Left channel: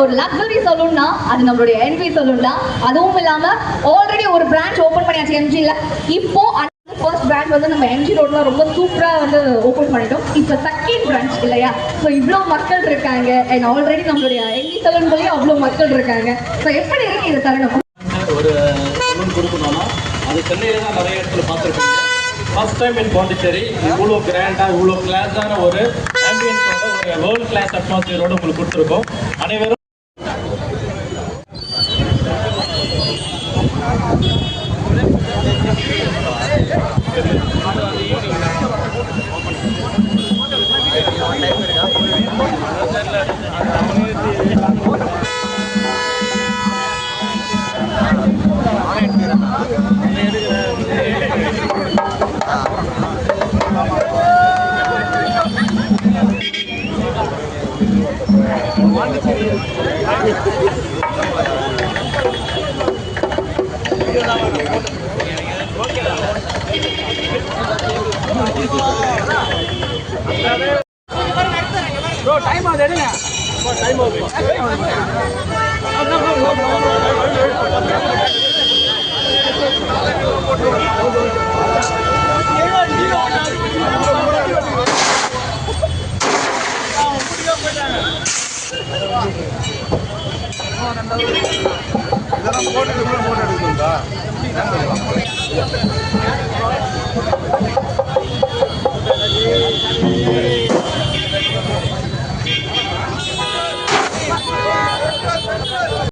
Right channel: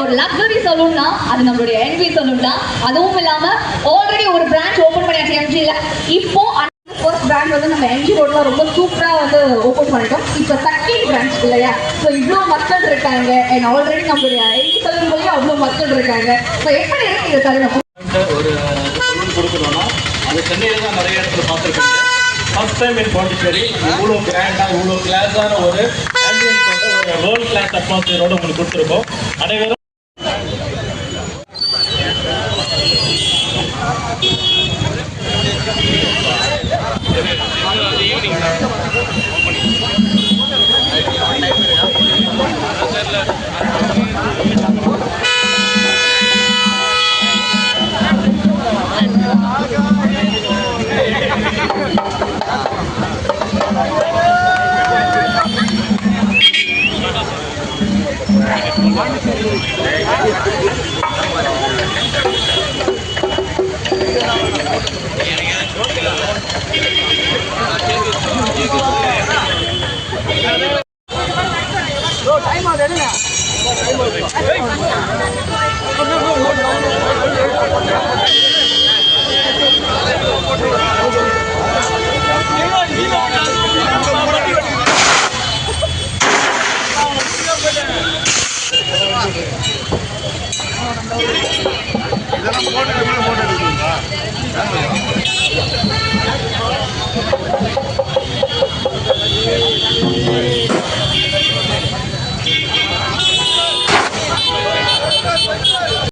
ஒரு லக்ஸரி சலூன்னா அது நம்மளுடைய என்வி சலூன் தான். அதுவும் இல்லாம ஆல்ரெடி ஒரு பிரான்ச் ஓபன் பண்ணியாச்சு எம்ஜில. இப்போ ஃபர்ஸ்ட் பிரான்ச் வந்து நம்ம எம்ஜி ரோட்ல ரொம்ப சூப்பரா வந்து ஓபன் பண்ணிட்டோம். இப்போ செகண்ட் பிரான்ச் இல்லையா? ஸோ இவ்வளோ மக்கள் இருக்காங்க அண்ட் ஆல்ரெடி நம்மளுடைய என்வி சலூன்லயே அவ்வளோ மக்கள் இருக்காங்க. ஸோ எப்படி இருக்கு இந்த தருணம்? ஒரு சலூன் கொடுக்கணும்னா அது சென்னையில் தான் நிறைய இடத்துல பார்த்துருக்காங்க. ஃபர்ஸ்ட் டைம் இன் பாண்டிச்சேரி இவ்வளோ கிராண்டாக இவ்வளோ கிளாஸான ஒரு ஆம்பியன்ஸோட ஒரு ரோல் கிளாஸ் அட்மாஸ்பியரோட உங்களுக்கு கொடுத்துருக்கோம். அனைவரும் டைம் ஆகுது.